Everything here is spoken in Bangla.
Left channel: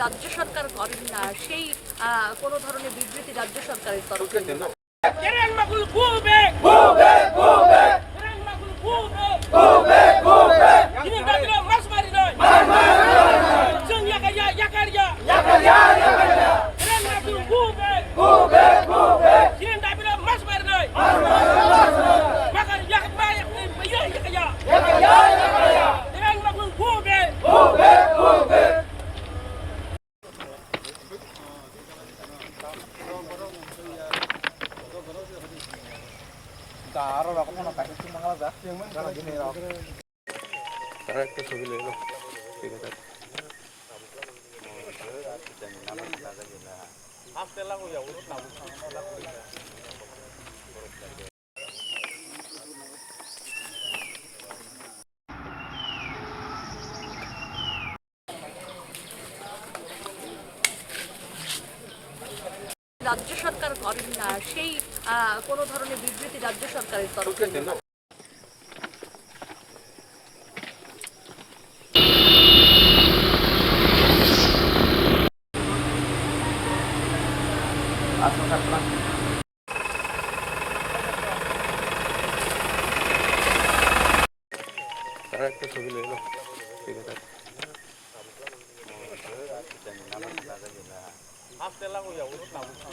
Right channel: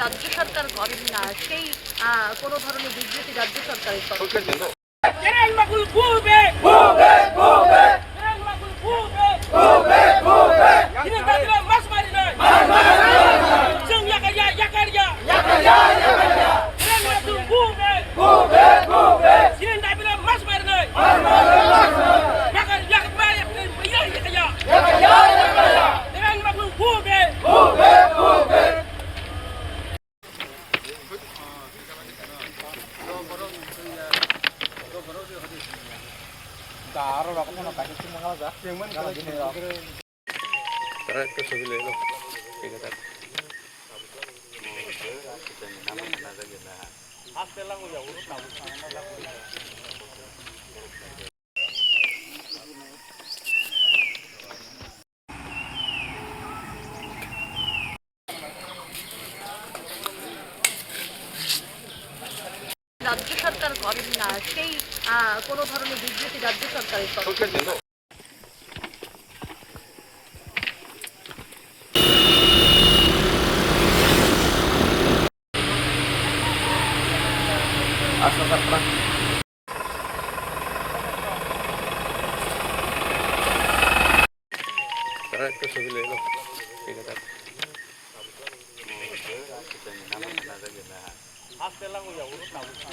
রাজ্য সরকার করেন না সেই কোনো ধরনের বিবৃতি রাজ্য সরকারের তরফে Taro ako muna kahit yung mga laga. Yung man kala gini ako. Tara ke sugile lo. ঠিক আছে। Hastela ko ya urut na busa. রাজ্য সরকার করেন না সেই কোনো ধরনের বিবৃতি রাজ্য সরকারের তরফে Tara ke sugile lo. ঠিক আছে। Hastela ko ya urut na busa.